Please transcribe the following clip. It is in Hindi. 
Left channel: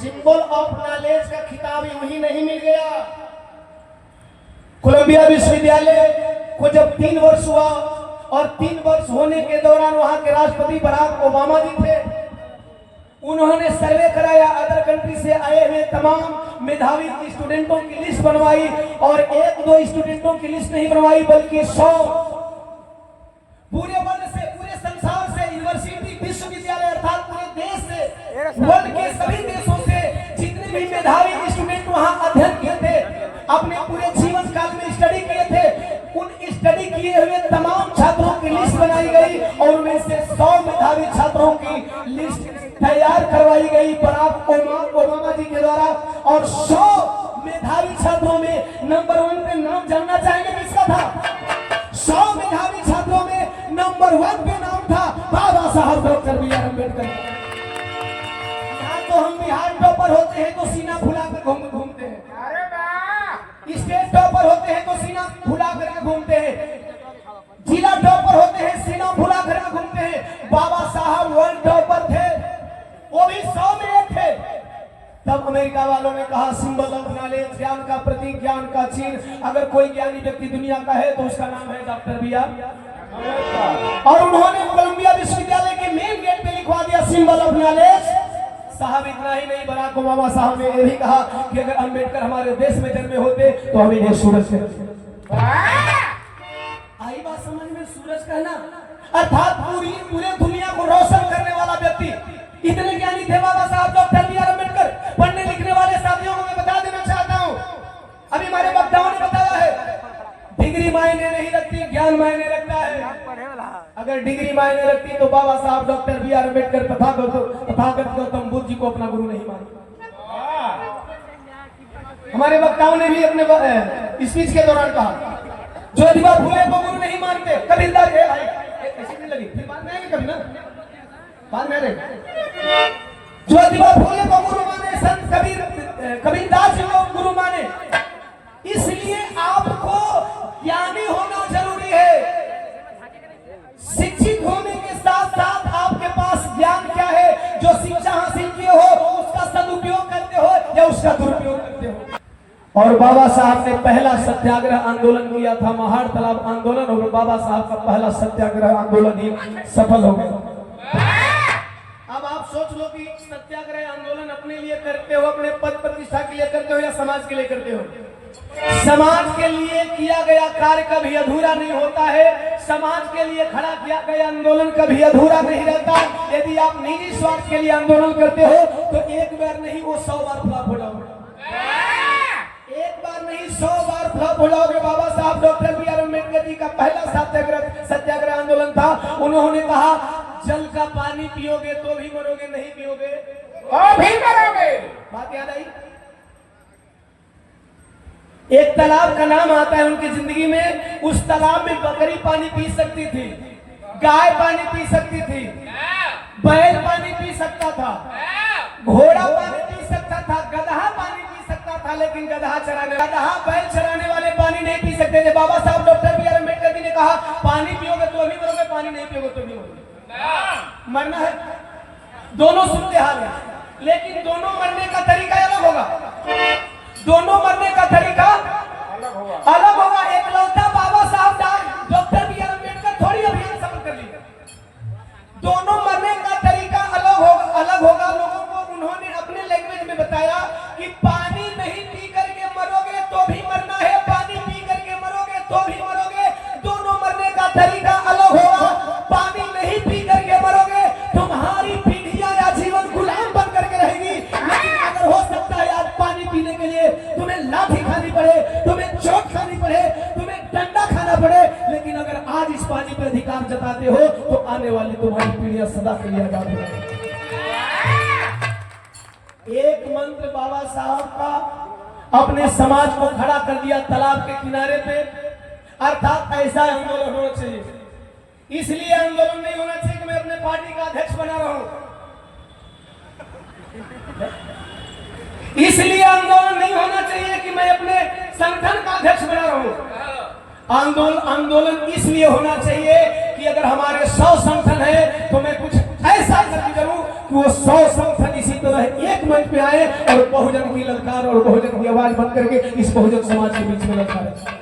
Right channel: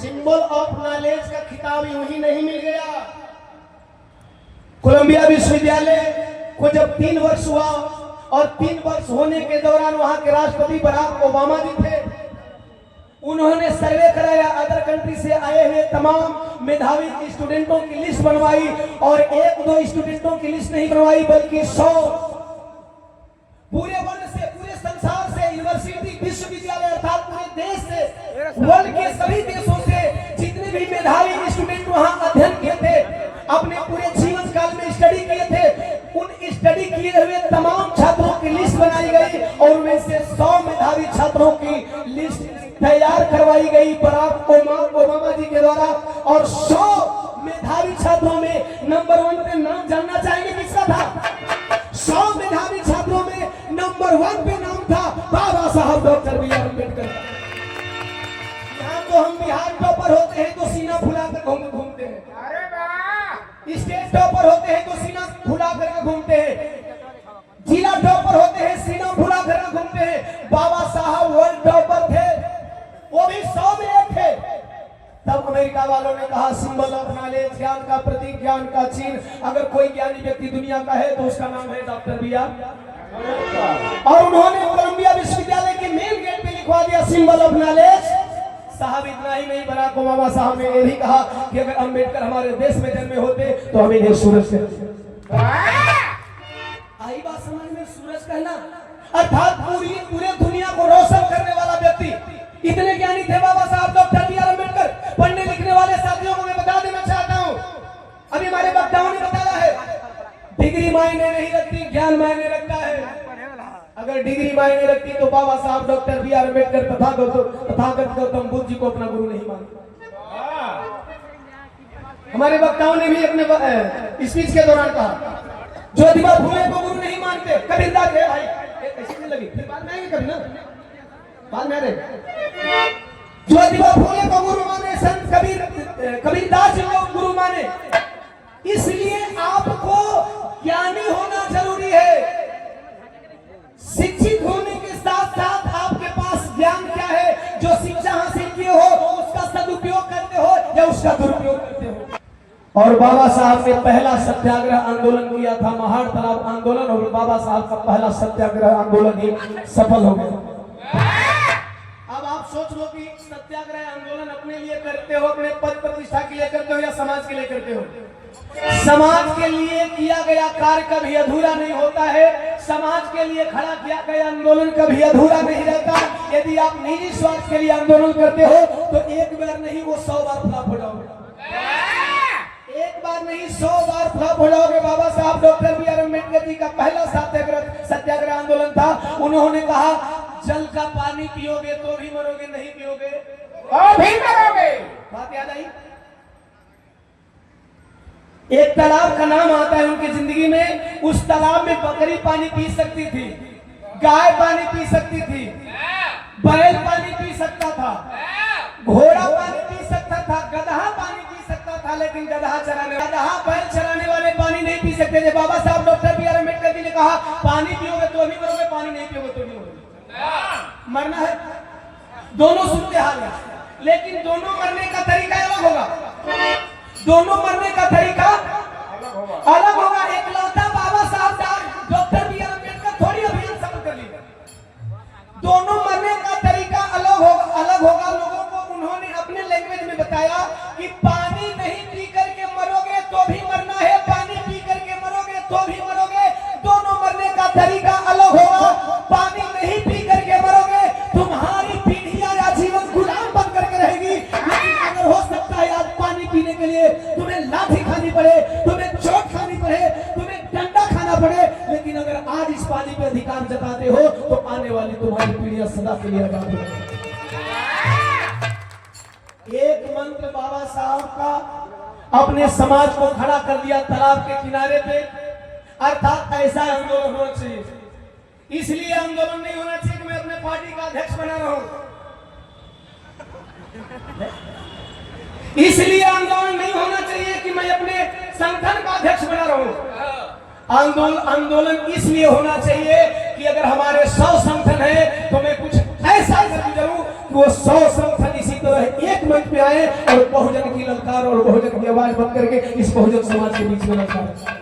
सिंबल ऑफ नॉलेज का खिताब यूं ही नहीं मिल गया। कोलंबिया विश्वविद्यालय को जब 3 वर्ष हुआ और 3 वर्ष होने के दौरान वहां के राष्ट्रपति बराक ओबामा जी थे, उन्होंने सर्वे कराया, अदर कंट्री से आए हुए तमाम मेधावी स्टूडेंटों की लिस्ट बनवाई और 1-2 स्टूडेंटों की लिस्ट नहीं बनवाई बल्कि 100 पूरे वर्ल्ड से, पूरे संसार से, यूनिवर्सिटी विश्वविद्यालय अर्थात पूरे देश से, वर्ल्ड के सभी देशों से जितने भी मेधावी स्टूडेंट वहां अध्ययन किए थे, अपने पूरे जीवन काल में स्टडी किए थे, उन स्टडी किए हुए तमाम छात्रों की लिस्ट बनाई गई और उनमें से 100 मेधावी छात्रों की लिस्ट तैयार करवाई गई बराक ओबामा जी के द्वारा। और 100 मेधावी छात्रों में नंबर 1 पे नाम जानना चाहेंगे किसका था? 100 मेधावी छात्रों में नंबर 1 पे नाम था बाबा साहब डॉक्टर बी आर अम्बेडकर। यहाँ तो हम बिहार टॉपर होते हैं तो सीना फुलाकर घूमते हैं, स्टेट टॉपर होते हैं तो सीना फुला करके घूमते हैं, जिला टॉपर होते हैं सीना फुला करके घूमते हैं। बाबा साहब वर्ल्ड टॉपर थे, वो भी 100 में एक थे। तब अमेरिका वालों ने कहा सिंबल ऑफ नॉलेज, ज्ञान का प्रतीक, ज्ञान का चिन्ह, अगर कोई ज्ञानी व्यक्ति दुनिया का है तो उसका नाम है डॉक्टर बी आर। और उन्होंने कोलंबिया विश्वविद्यालय के मेन गेट पे लिखवा दिया सिंबल ऑफ नॉलेज। साहब इतना ही नहीं, बराक ओबामा साहब ने यह भी कहा कि अगर अम्बेडकर हमारे देश में जन्मे होते तो हमें ये सूरज से आई बात समझ में, सूरज कहना अर्थात पूरे दुनिया को रोशन करने वाला व्यक्ति। इतने ज्ञानी थे बाबा साहब डॉक्टर बी आर अम्बेडकर। पढ़ने लिखने वाले साथियों को मैं बता देना चाहता हूँ, अभी हमारे वक्ताओं ने बताया है डिग्री मायने नहीं रखती, ज्ञान मायने रखता है। अगर डिग्री मायने रखती तो Babasaheb doctor B R Ambedkar Tathagata Gautam Buddha ji को अपना गुरु नहीं मानते। हमारे वक्ताओं ने भी अपने स्पीच के दौरान कहा ज्योतिबा फुले को गुरु नहीं मानते। कबीरदास है भाई, कैसे नहीं लगी, फिर बाद में आएंगे कभी ना, बाद में आ रहे। ज्योतिबा फुले को गुरु माने, संत कबीरदास जी को गुरु माने। इसलिए आपको ज्ञानी होना जरूरी है। शिक्षित होने के साथ साथ आपके पास ज्ञान क्या है, जो शिक्षा हासिल किए हो उसका सदुपयोग करते हो या उसका दुरुपयोग करते हो। और बाबा साहब ने पहला सत्याग्रह आंदोलन किया था, महाड़ तालाब आंदोलन, और बाबा साहब का पहला सत्याग्रह आंदोलन ही सफल हो गया। अब आप सोच लो कि सत्याग्रह आंदोलन अपने लिए करते हो, अपने पद प्रतिष्ठा के लिए करते हो या समाज के लिए करते हो? समाज के लिए किया गया कार्य कभी अधूरा नहीं होता है, समाज के लिए खड़ा किया गया आंदोलन कभी अधूरा नहीं रहता। यदि आप निजी स्वार्थ के लिए आंदोलन करते हो तो एक बार नहीं वो 100 बार फ्लॉप हो जाओगे, एक बार नहीं 100 बार फ्लॉप हो जाओगे। बाबा साहब doctor B R Ambedkar ji का पहला सत्याग्रह आंदोलन था। उन्होंने कहा जल का पानी पियोगे तो भी मरोगे, नहीं पियोगे तो भी मरोगे। बात याद आई? एक तालाब का नाम आता है उनकी जिंदगी में, उस तालाब में बकरी पानी पी सकती थी, गाय पानी पी सकती थी, बैल पानी पी सकता था, घोड़ा पानी पी सकता था, गधा पानी पी सकता था, लेकिन गधा बैल चराने वाले पानी नहीं पी सकते थे। बाबा साहब doctor B R Ambedkar ji ने कहा पानी पियोगे तो भी मरोगे, पानी नहीं पियोगे तो नहीं मरोगे। मरना है, दोनों सूरत हाल है, लेकिन दोनों मरने का तरीका अलग होगा। दोनों मरने का तरीका अलग होगा। एकलौता बाबा साहब डॉक्टर बी आर अम्बेडकर थोड़ी अभियान सफल कर ली। दोनों मरने का तरीका अलग होगा। लोगों को उन्होंने अपने लैंग्वेज में बताया कि पानी नहीं पी करके मरोगे तो भी मरना है, पानी पी करके मरोगे तो भी मरोगे। दोनों मरने का तरीका अलग होगा। पानी नहीं पी करके मरोगे, तुम्हारी पीढ़ियां या जीवन गुलाम बन करके रहेगी। लेकिन अगर हो सकता है आज पानी पीने के लिए तुम्हें लाठी खानी पड़े, तुम्हें चोट खानी पड़े, तुम्हें डंडा खाना पड़े, लेकिन अगर आज इस पानी पे अधिकार जताते हो तो आने वाली तुम्हारी पीढ़ियां सदा के लिए आजाद होगी। एक मंत्र बाबा साहब का अपने समाज को खड़ा कर दिया तालाब के किनारे पे, अर्थात ऐसा आंदोलन होना चाहिए। इसलिए आंदोलन नहीं होना चाहिए कि मैं अपने पार्टी का अध्यक्ष बना रहा हूं, इसलिए आंदोलन नहीं होना चाहिए कि मैं अपने संगठन का अध्यक्ष बना रहा हूं। आंदोलन इसलिए होना चाहिए कि अगर हमारे 100 संगठन है तो मैं कुछ ऐसा करूं कि वो 100 संगठन इसी तरह एक मंच मंच पे आए और बहुजन की ललकार और बहुजन की आवाज बंद करके इस बहुजन समाज के बीच में ललकार